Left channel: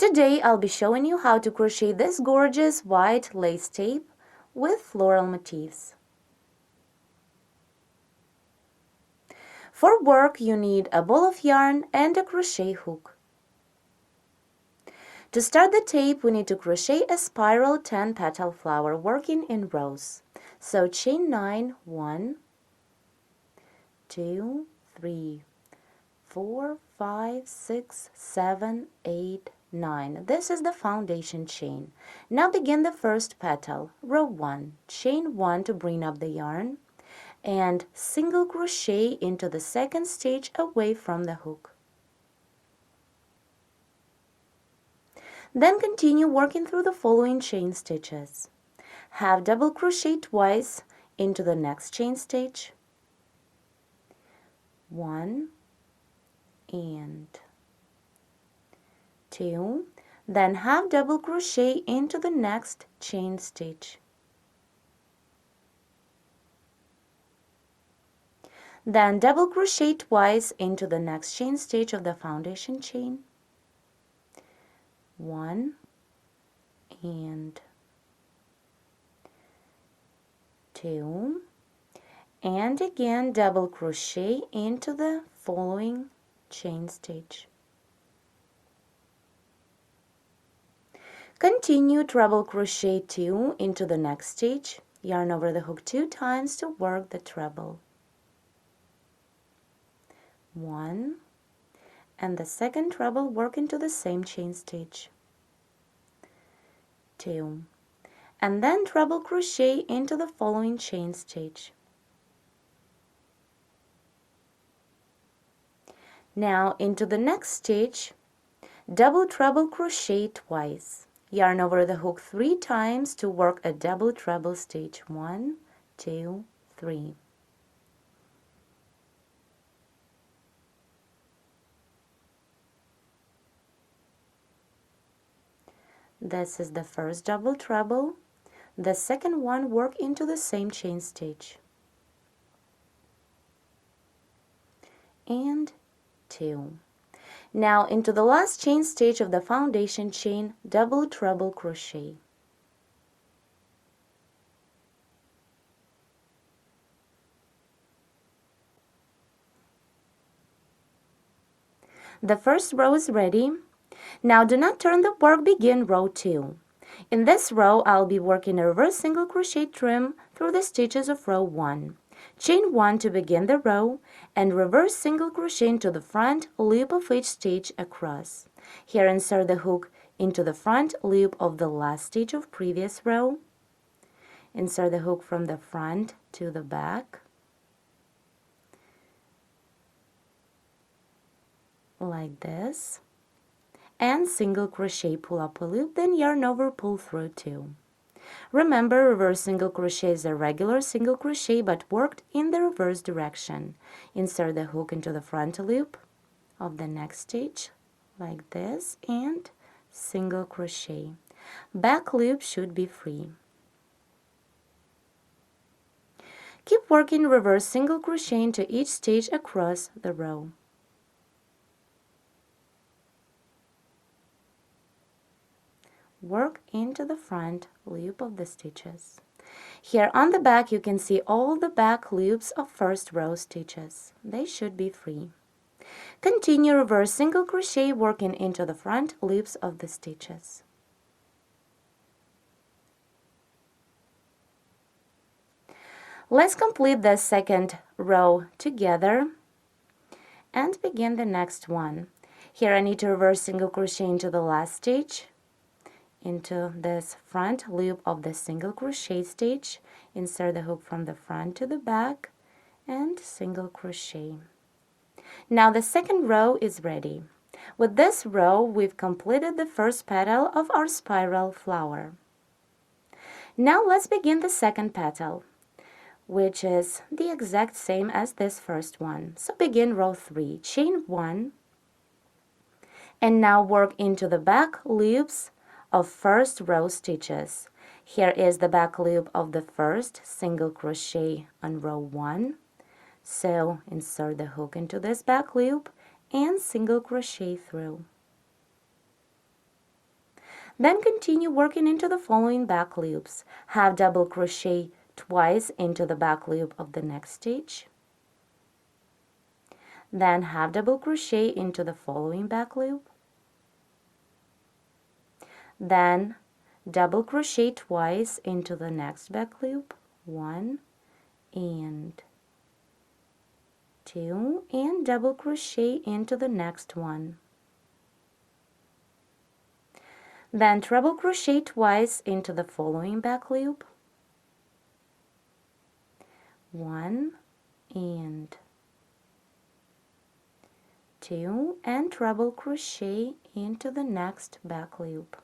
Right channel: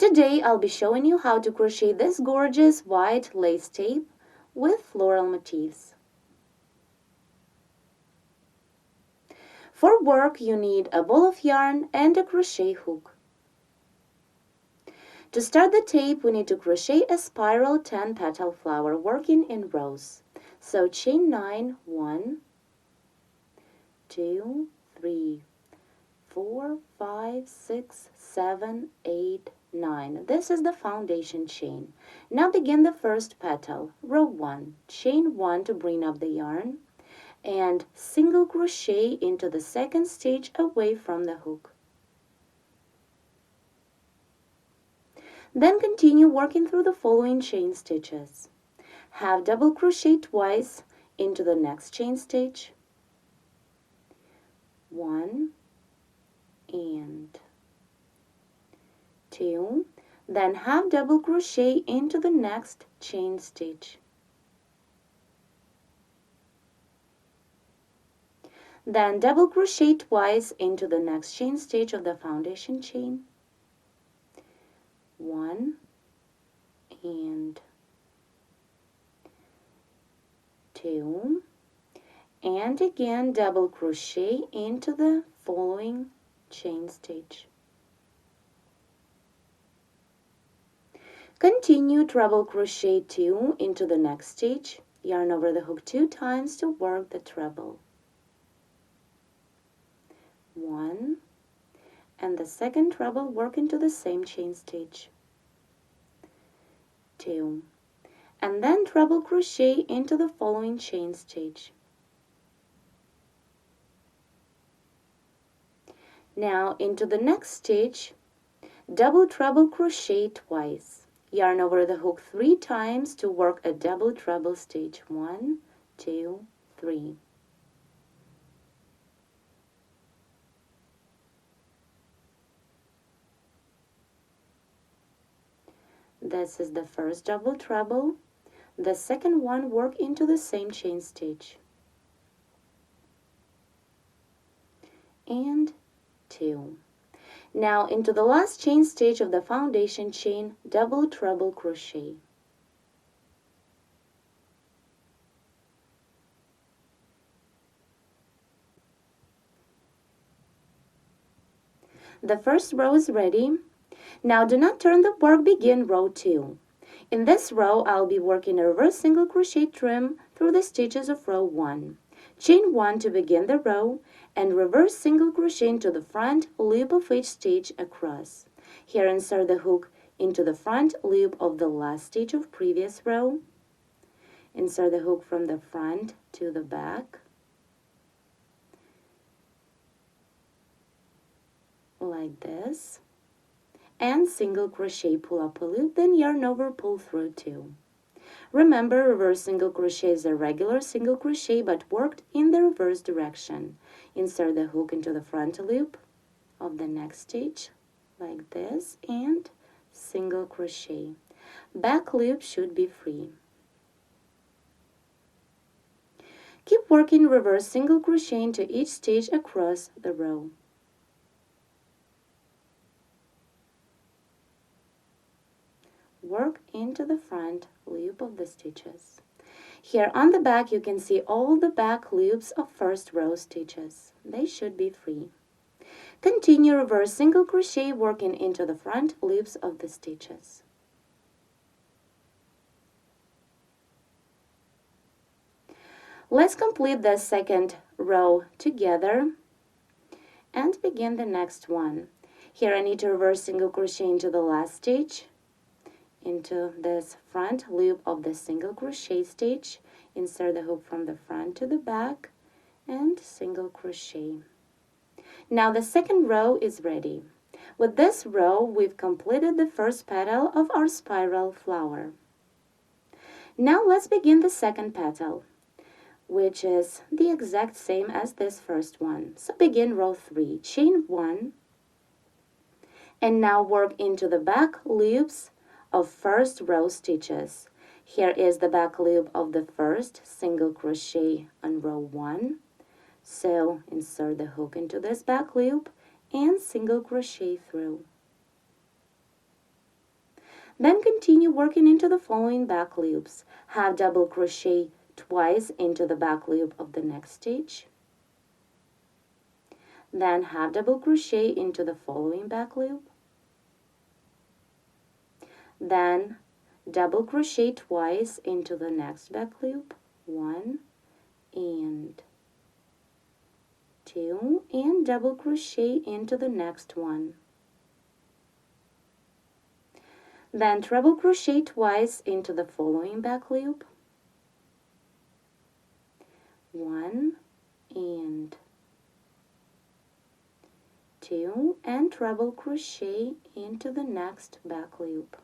Today I'll be showing you how to crochet this gorgeous white lace tape with floral motifs. For work you need a ball of yarn and a crochet hook. To start the tape we need to crochet a spiral 10 petal flower working in rows. So chain 9, 1, 2, 3, 4, 5, 6, 7, 8, 9. This is the foundation chain. Now begin the first petal, row 1, chain 1 to bring up the yarn, and single crochet into the second stitch away from the hook. Then continue working through the following chain stitches. Half double crochet twice into the next chain stitch, 1 and 2, then half double crochet into the next chain stitch. Then double crochet twice into the next chain stitch of the foundation chain, 1 and 2, and again double crochet into the following chain stitch. Continue treble crochet 2 into the next stitch, yarn over the hook 2 times to work the treble. 1 and the second treble work into the same chain stitch, 2, and then treble crochet into the following chain stitch. Now into the next stitch, double treble crochet twice, yarn over the hook 3 times to work a double treble stitch, 1, 2, 3. This is the first double treble. The second one work into the same chain stitch, and 2. Now into the last chain stitch of the foundation chain, double treble crochet. The first row is ready. Now do not turn the work, begin row 2. In this row I'll be working a reverse single crochet trim through the stitches of row 1. Chain 1 to begin the row and reverse single crochet into the front loop of each stitch across. Here insert the hook into the front loop of the last stitch of previous row. Insert the hook from the front to the back, like this, and single crochet, pull up a loop, then yarn over, pull through 2. Remember, reverse single crochet is a regular single crochet but worked in the reverse direction. Insert the hook into the front loop of the next stitch, like this, and single crochet. Back loop should be free. Keep working reverse single crochet into each stitch across the row. Work into the front loop of the stitches. Here on the back you can see all the back loops of first row stitches. They should be free. Continue reverse single crochet working into the front loops of the stitches. Let's complete the second row together and begin the next one. Here I need to reverse single crochet into the last stitch, into this front loop of the single crochet stitch, insert the hook from the front to the back, and single crochet. Now the second row is ready. With this row we've completed the first petal of our spiral flower. Now let's begin the second petal, which is the exact same as this first one. So begin row 3, chain 1, and now work into the back loops of first row stitches. Here is the back loop of the first single crochet on row 1. So insert the hook into this back loop and single crochet through. Then continue working into the following back loops. Half double crochet twice into the back loop of the next stitch. Then half double crochet into the following back loop. Then double crochet twice into the next back loop. 1 and 2, and double crochet into the next one. Then treble crochet twice into the following back loop. 1 and 2, and treble crochet into the next back loop.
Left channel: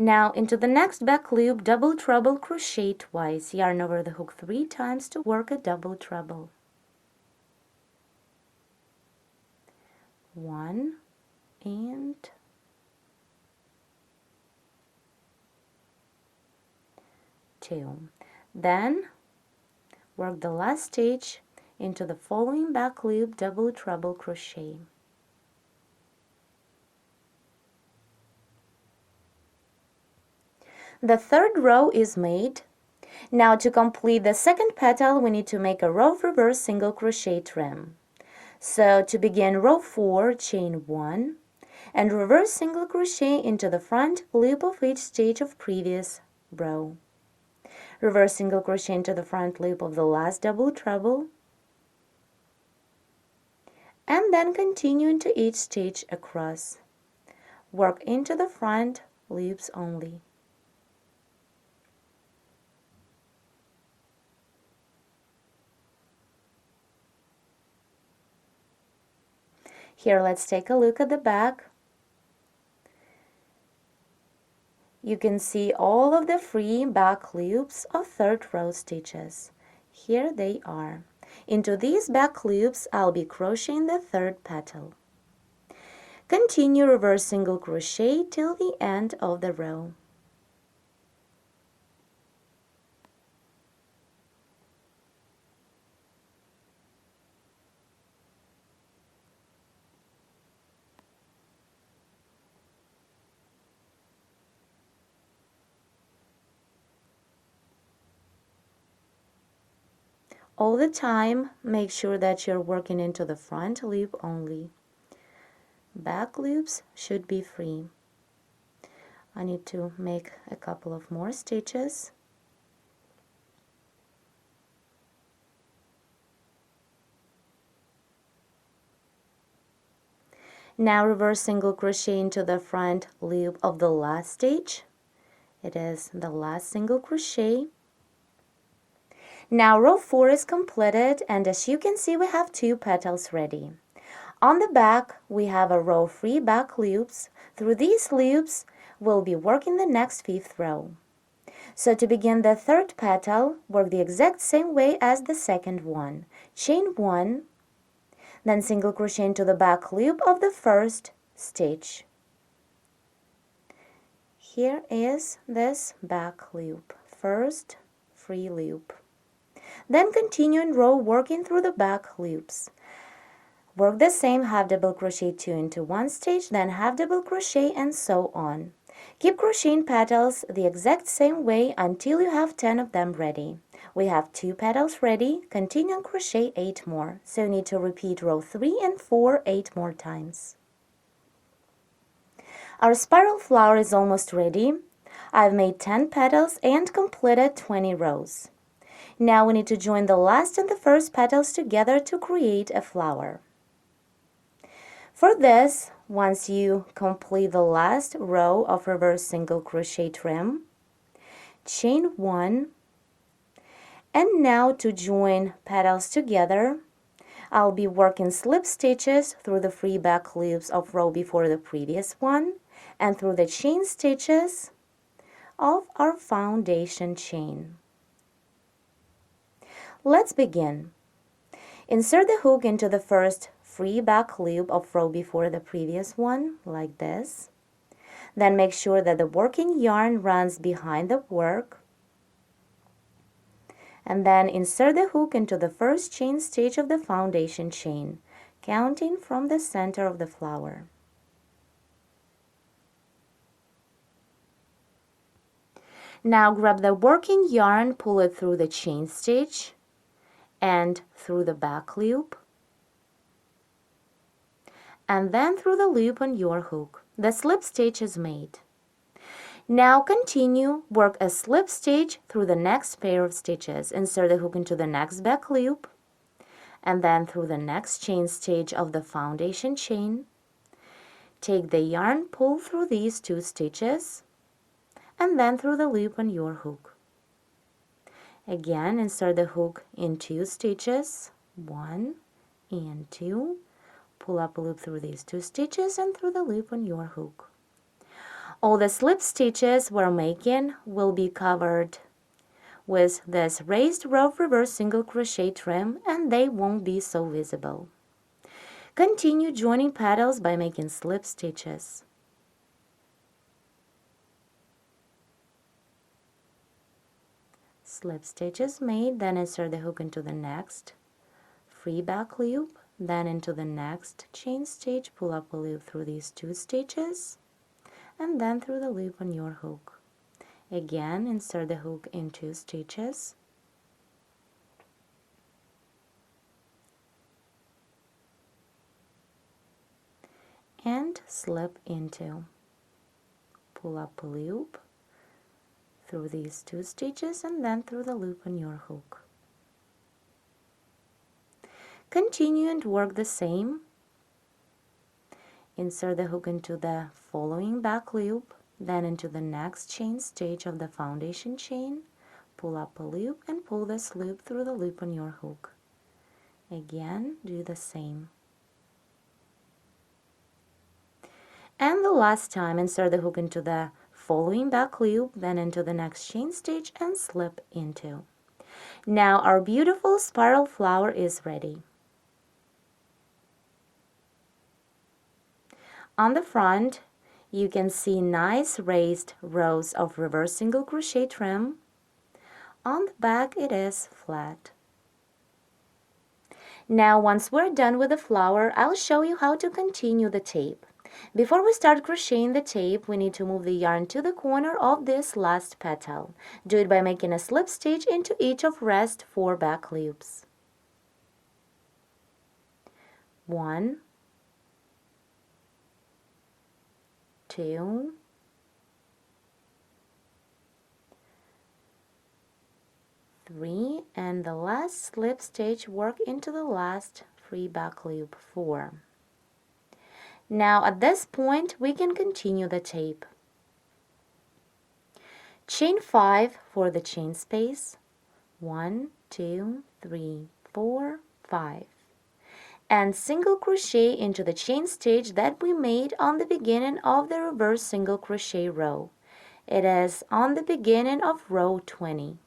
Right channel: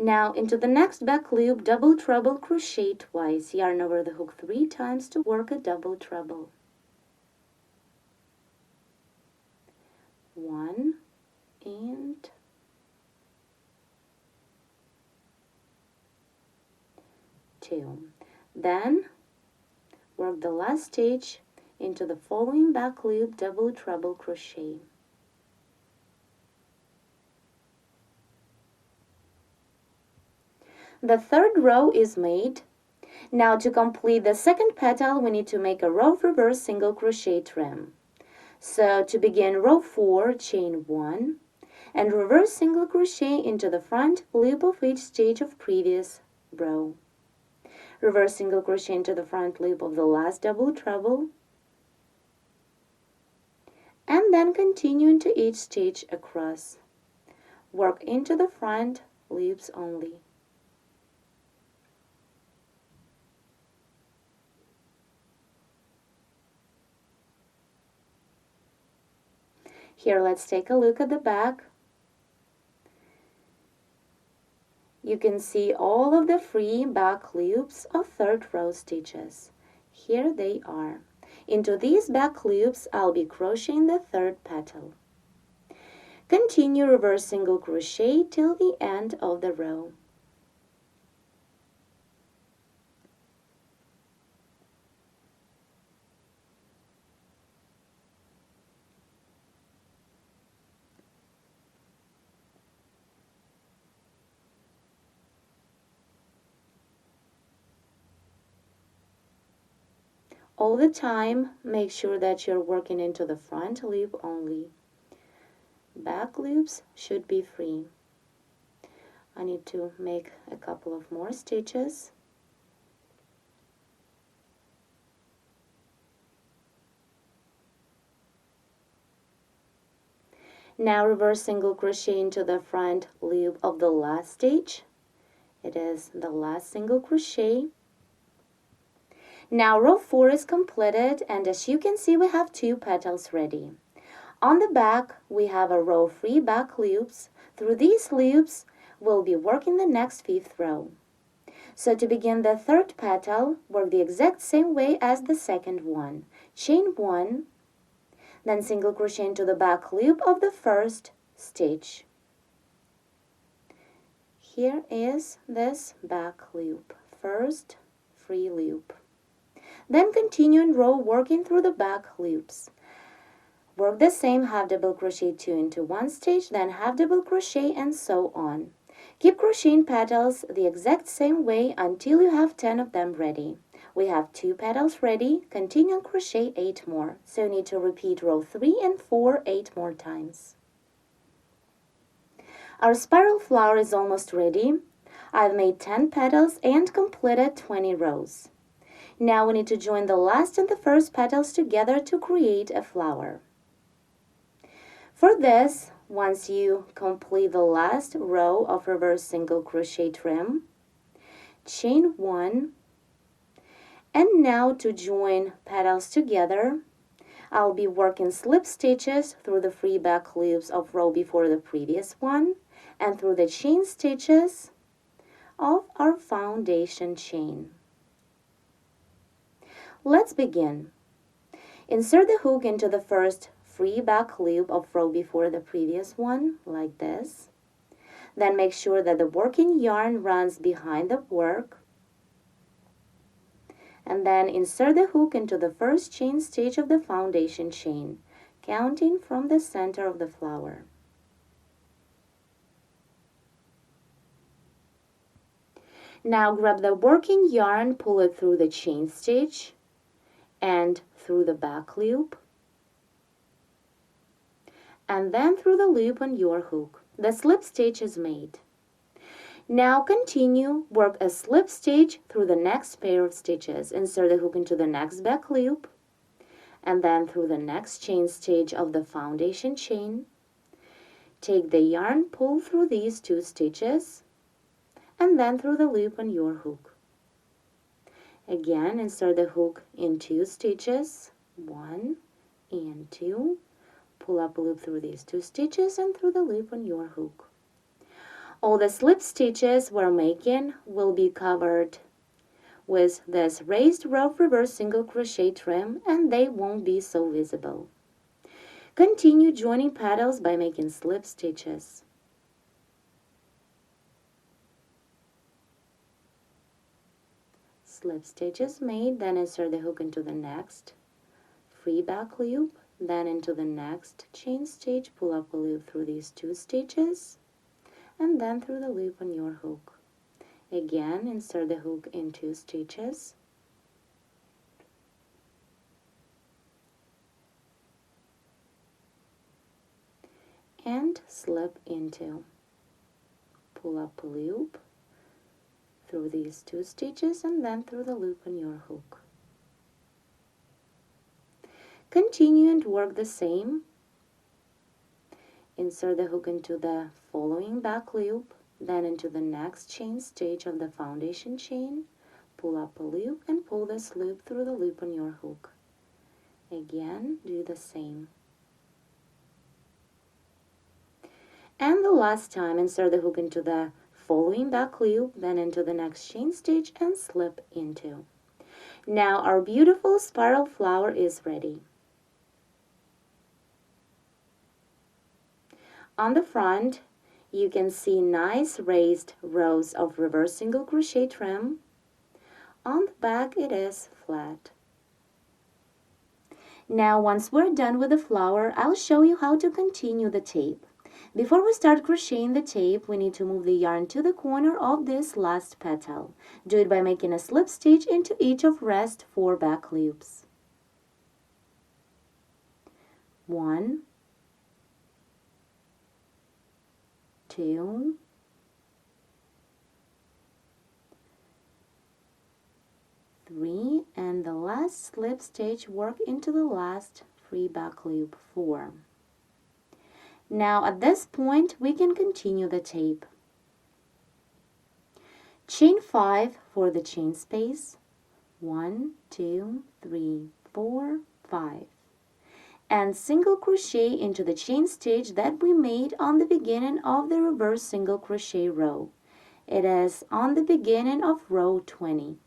Now into the next back loop, double treble crochet twice, yarn over the hook 3 times to work a double treble. 1 and 2. Then work the last stitch into the following back loop, double treble crochet. The third row is made. Now to complete the second petal, we need to make a row of reverse single crochet trim. So to begin row 4, chain 1 and reverse single crochet into the front loop of each stitch of previous row. Reverse single crochet into the front loop of the last double treble, and then continue into each stitch across. Work into the front loops only. Here, let's take a look at the back. You can see all of the free back loops of third row stitches. Here they are. Into these back loops, I'll be crocheting the third petal. Continue reverse single crochet till the end of the row. All the time, make sure that you're working into the front loop only. Back loops should be free. I need to make a couple of more stitches. Now reverse single crochet into the front loop of the last stitch. It is the last single crochet. Now row 4 is completed, and as you can see, we have 2 petals ready. On the back, we have a row of free back loops. Through these loops, we'll be working the next 5th row. So to begin the third petal, work the exact same way as the second one. Chain 1, then single crochet into the back loop of the first stitch. Here is this back loop, first free loop. Then continue in row working through the back loops. Work the same half double crochet 2 into one stitch, then half double crochet, and so on. Keep crocheting petals the exact same way until you have 10 of them ready. We have 2 petals ready. Continue and crochet 8 more. So you need to repeat row 3 and 4 8 more times. Our spiral flower is almost ready. I've made 10 petals and completed 20 rows. Now we need to join the last and the first petals together to create a flower. For this, once you complete the last row of reverse single crochet trim, chain 1, and now to join petals together, I'll be working slip stitches through the free back loops of row before the previous one and through the chain stitches of our foundation chain. Let's begin. Insert the hook into the first free back loop of row before the previous one, like this. Then make sure that the working yarn runs behind the work. And then insert the hook into the first chain stitch of the foundation chain. counting from the center of the flower. Now grab the working yarn, pull it through the chain stitch and through the back loop, and then through the loop on your hook. The slip stitch is made. Now continue, work a slip stitch through the next pair of stitches. Insert the hook into the next back loop, and then through the next chain stitch of the foundation chain. Take the yarn, pull through these 2 stitches, and then through the loop on your hook. Again, insert the hook in 2 stitches, 1 and 2. Pull up a loop through these 2 stitches and through the loop on your hook. All the slip stitches we're making will be covered with this raised rope reverse single crochet trim, and they won't be so visible. Continue joining petals by making slip stitches. Slip stitches made, then insert the hook into the next free back loop, then into the next chain stitch, pull up a loop through these 2 stitches, and then through the loop on your hook. Again, insert the hook in 2 stitches, and slip into. Pull up a loop through these 2 stitches and then through the loop on your hook. Continue and work the same. Insert the hook into the following back loop, then into the next chain stitch of the foundation chain, pull up a loop and pull this loop through the loop on your hook. Again, do the same. And the last time, insert the hook into the following back loop, then into the next chain stitch and slip into. Now our beautiful spiral flower is ready. On the front, you can see nice raised rows of reverse single crochet trim. On the back, it is flat. Now, once we're done with the flower, I'll show you how to continue the tape. Before we start crocheting the tape, we need to move the yarn to the corner of this last petal. Do it by making a slip stitch into each of rest 4 back loops. 1, 2, 3, and the last slip stitch, work into the last free back loop, 4. Now at this point we can continue the tape. Chain 5 for the chain space, 1, 2, 3, 4, 5. And single crochet into the chain stitch that we made on the beginning of the reverse single crochet row. It is on the beginning of row 20.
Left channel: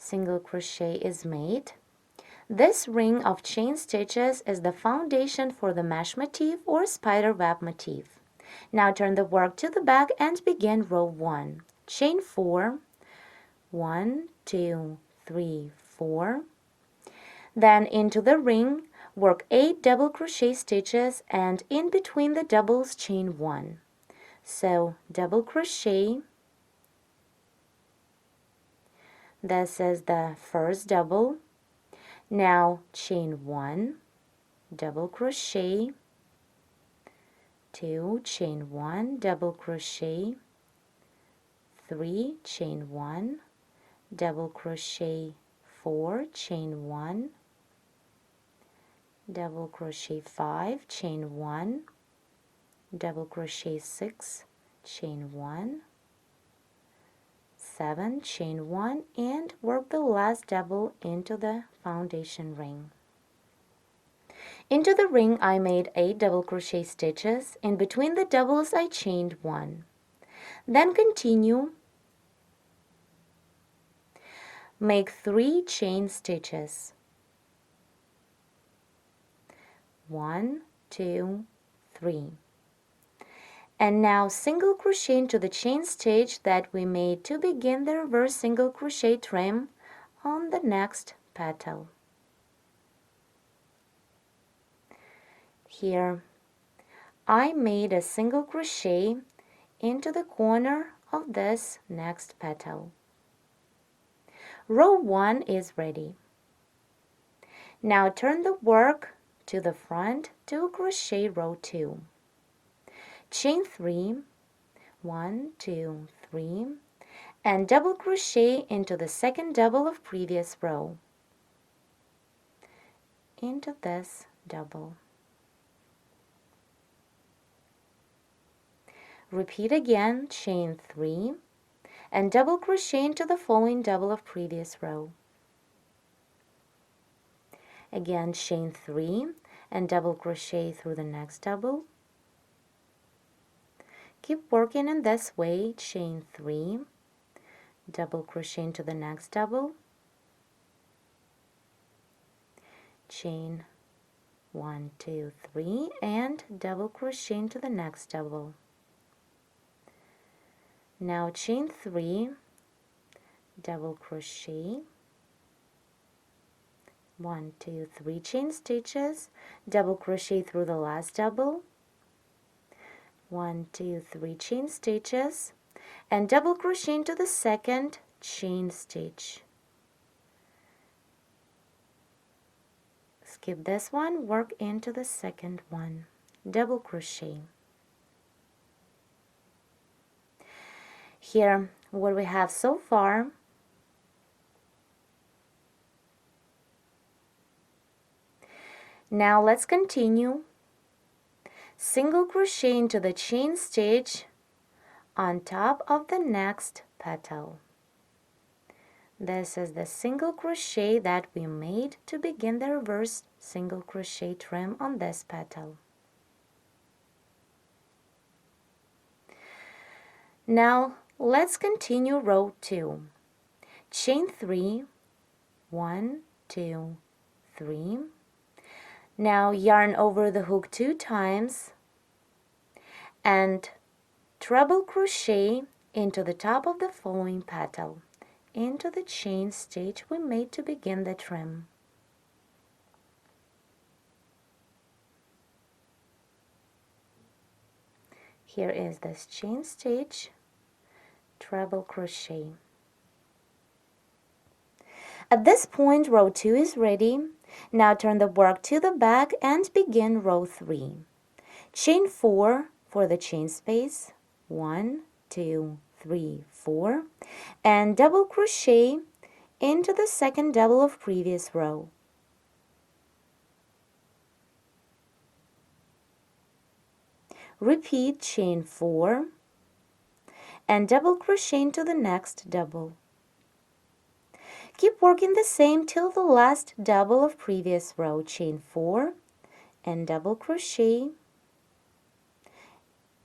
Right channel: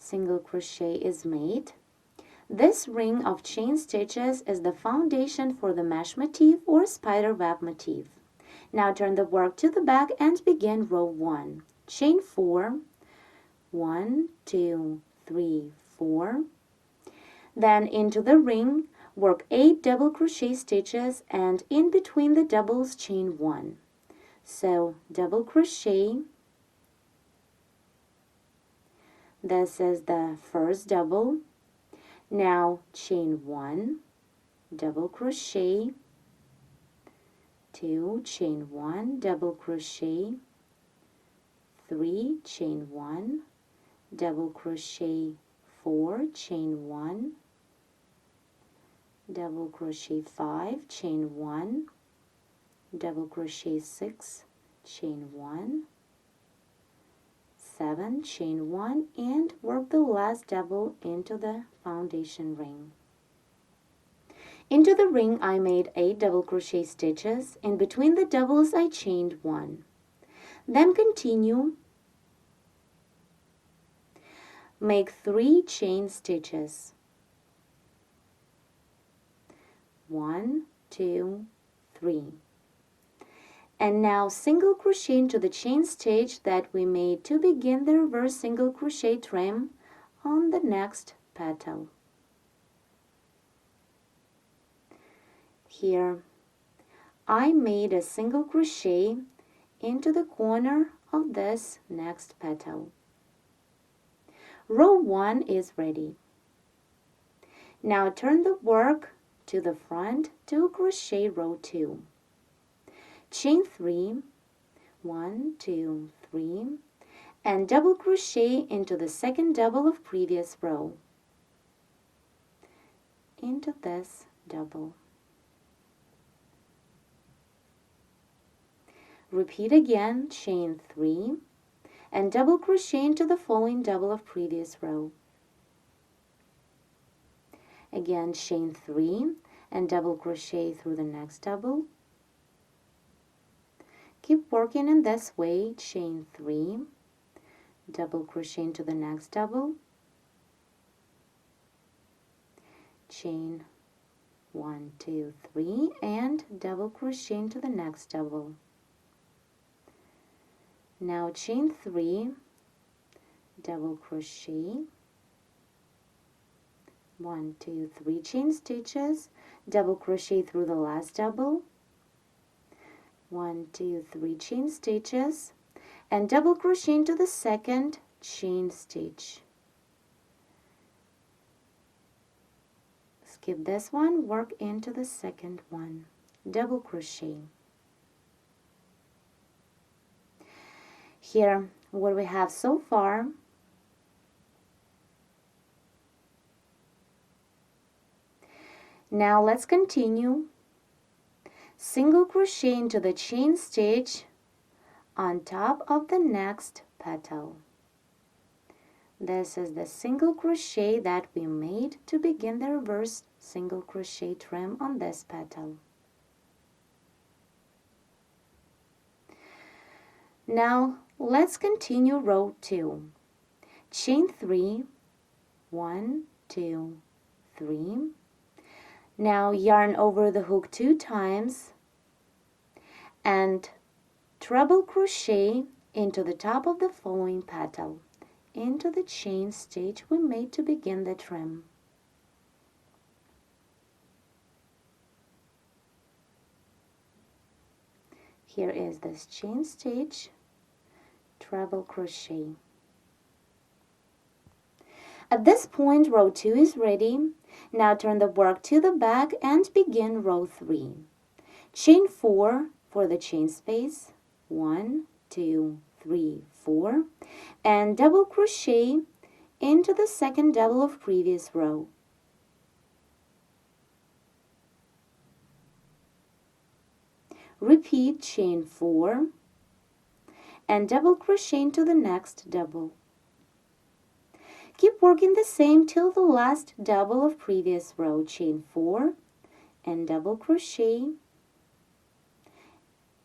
Single crochet is made. This ring of chain stitches is the foundation for the mesh motif or spiderweb motif. Now turn the work to the back and begin row 1. Chain 4, 1, 2, 3, 4. Then into the ring, work 8 double crochet stitches and in between the doubles chain 1. So double crochet. This is the first double. Now chain 1, double crochet, 2, chain 1, double crochet, 3, chain 1, double crochet, 4, chain 1, double crochet 5, chain 1, double crochet 6, chain 1, 7, chain 1, and work the last double into the foundation ring. Into the ring I made 8 double crochet stitches. In between the doubles I chained 1. Then continue. Make 3 chain stitches. 1, 2, 3. And now single crochet into the chain stitch that we made to begin the reverse single crochet trim on the next petal. Here I made a single crochet into the corner of this next petal. Row 1 is ready. Now turn the work to the front to crochet row 2. Chain 3, 1, 2, 3, and double crochet into the second double of previous row, into this double. Repeat again, chain 3, and double crochet into the following double of previous row. Again, chain 3 and double crochet through the next double. Keep working in this way, chain 3, double crochet into the next double, chain 1, 2, 3, and double crochet into the next double. Now chain 3, double crochet, 1, 2, 3 chain stitches, double crochet through the last double, 1, 2, 3 chain stitches, and double crochet into the second chain stitch. Skip this one, work into the second one, double crochet. Here, what we have so far, now let's continue. Single crochet into the chain stitch on top of the next petal. This is the single crochet that we made to begin the reverse single crochet trim on this petal. Now let's continue row 2. Chain 3, 1, 2, 3. Now yarn over the hook 2 times and treble crochet into the top of the following petal, into the chain stitch we made to begin the trim. Here is this chain stitch, treble crochet. At this point, row 2 is ready. Now turn the work to the back and begin row 3. Chain 4 for the chain space, 1, 2, 3, 4, and double crochet into the second double of previous row. Repeat, chain 4 and double crochet into the next double. Keep working the same till the last double of previous row. Chain 4 and double crochet.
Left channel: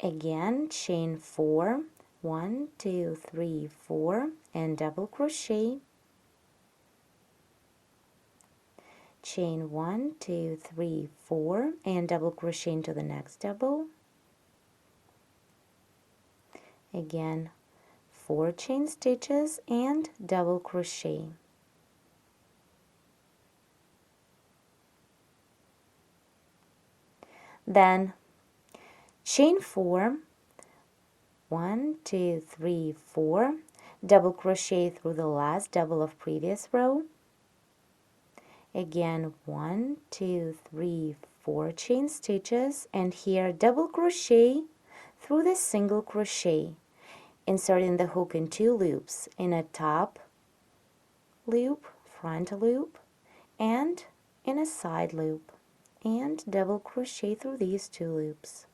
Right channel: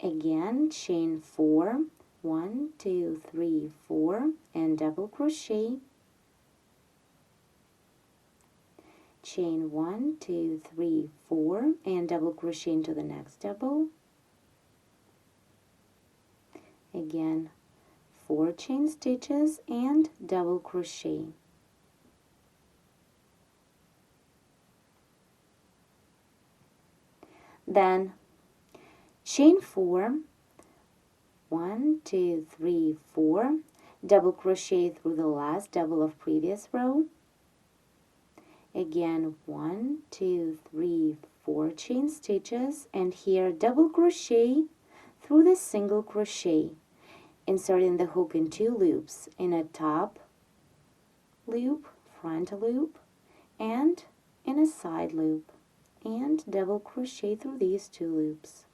Again, chain 4, 1, 2, 3, 4, and double crochet. Chain 1, 2, 3, 4, and double crochet into the next double. Again, 4 chain stitches and double crochet. Then chain 4, 1, 2, 3, 4, double crochet through the last double of previous row. Again, 1, 2, 3, 4 chain stitches, and here double crochet through the single crochet, inserting the hook in 2 loops, in a top loop, front loop, and in a side loop, and double crochet through these 2 loops.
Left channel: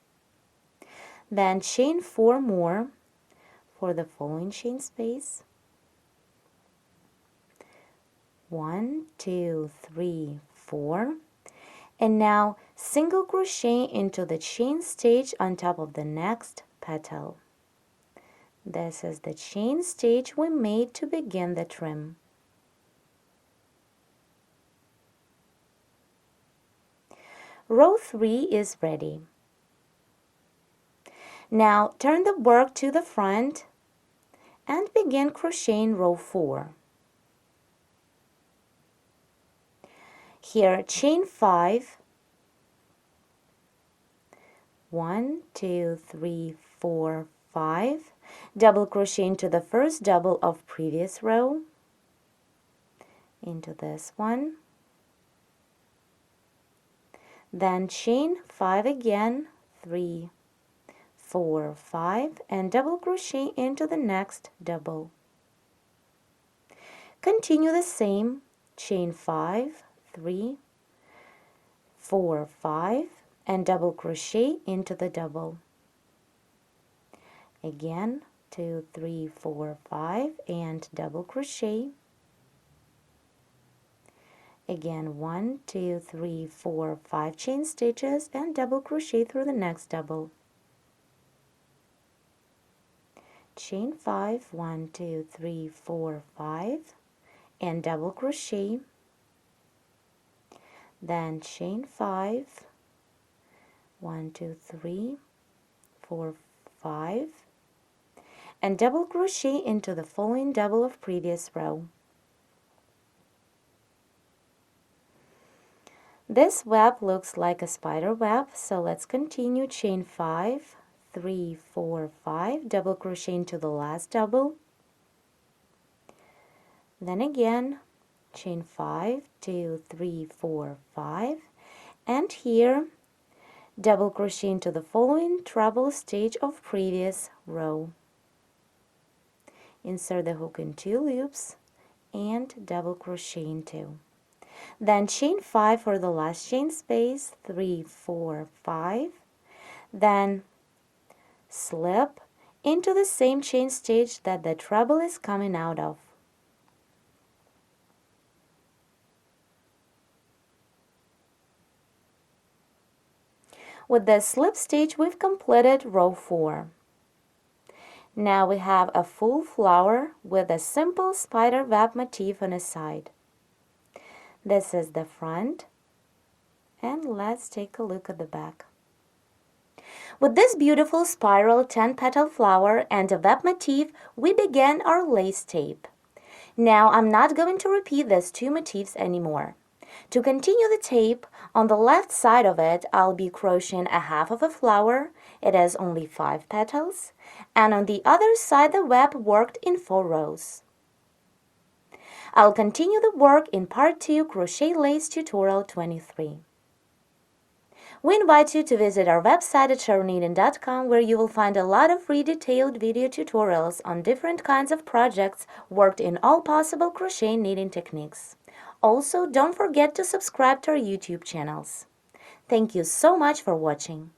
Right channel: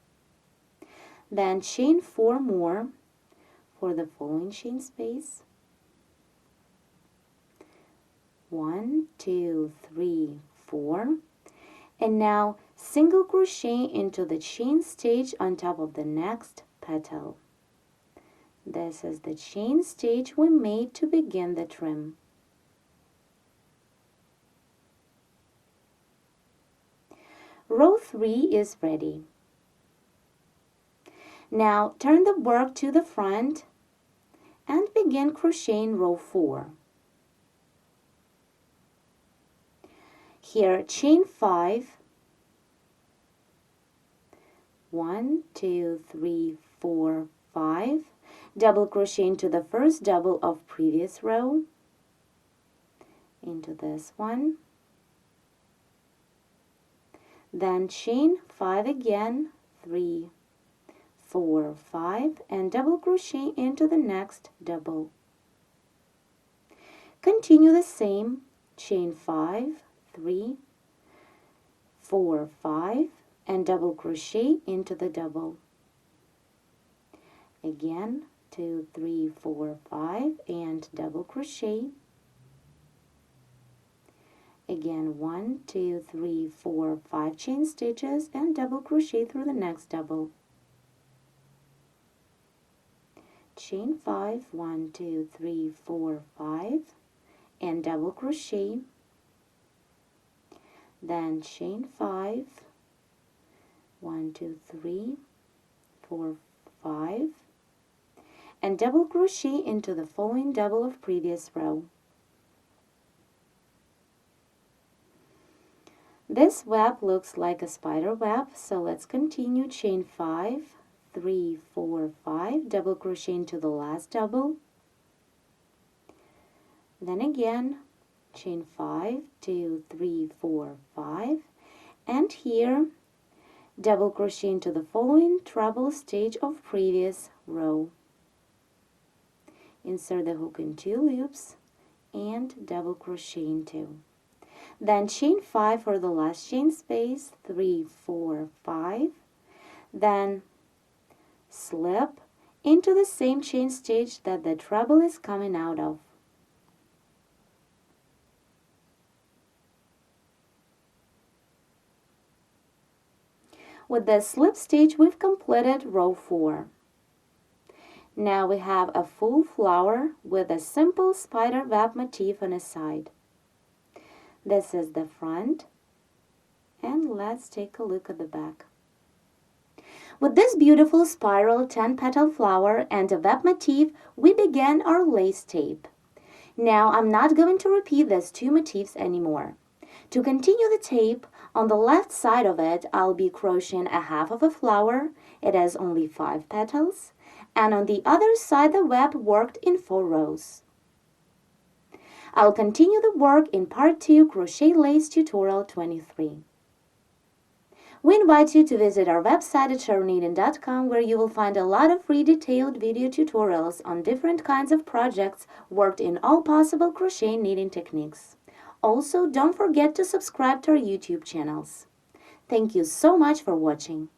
Then chain 4 more for the following chain space. 1, 2, 3, 4, and now single crochet into the chain stitch on top of the next petal. This is the chain stitch we made to begin the trim. Row 3 is ready. Now turn the work to the front and begin crocheting row 4. Here, chain 5, 1, 2, 3, 4, 5, double crochet into the first double of previous row, into this one, then chain 5 again, 3, 4, 5, and double crochet into the next double. Continue the same, chain 5, 3, 4, 5, and double crochet into the double. Again, 2, 3, 4, 5, and double crochet. Again, 1, 2, 3, 4, 5 chain stitches and double crochet through the next double. Chain 5, 1, 2, 3, 4, 5, and double crochet. Then chain 5, 1, 2, 3, 4, 5, and double crochet into the following double of previous row. This web looks like a spider web, so let's continue. Chain 5, 3, 4, 5, double crochet into the last double. Then again, chain 5, 2, 3, 4, 5, and here double crochet into the following treble stitch of previous row. Insert the hook in 2 loops and double crochet in 2. Then chain 5 for the last chain space, 3, 4, 5, then slip into the same chain stitch that the treble is coming out of. With this slip stitch, we've completed row 4. Now we have a full flower with a simple spider web motif on the side. This is the front, and let's take a look at the back. With this beautiful spiral 10-petal flower and a web motif, we began our lace tape. Now I'm not going to repeat these 2 motifs anymore. To continue the tape, on the left side of it, I'll be crocheting a half of a flower. It has only 5 petals. And on the other side, the web worked in 4 rows. I'll continue the work in part 2, Crochet Lace Tutorial 23. We invite you to visit our website at SharonKnitting.com, where you will find a lot of free detailed video tutorials on different kinds of projects worked in all possible crochet knitting techniques. Also, don't forget to subscribe to our YouTube channels. Thank you so much for watching.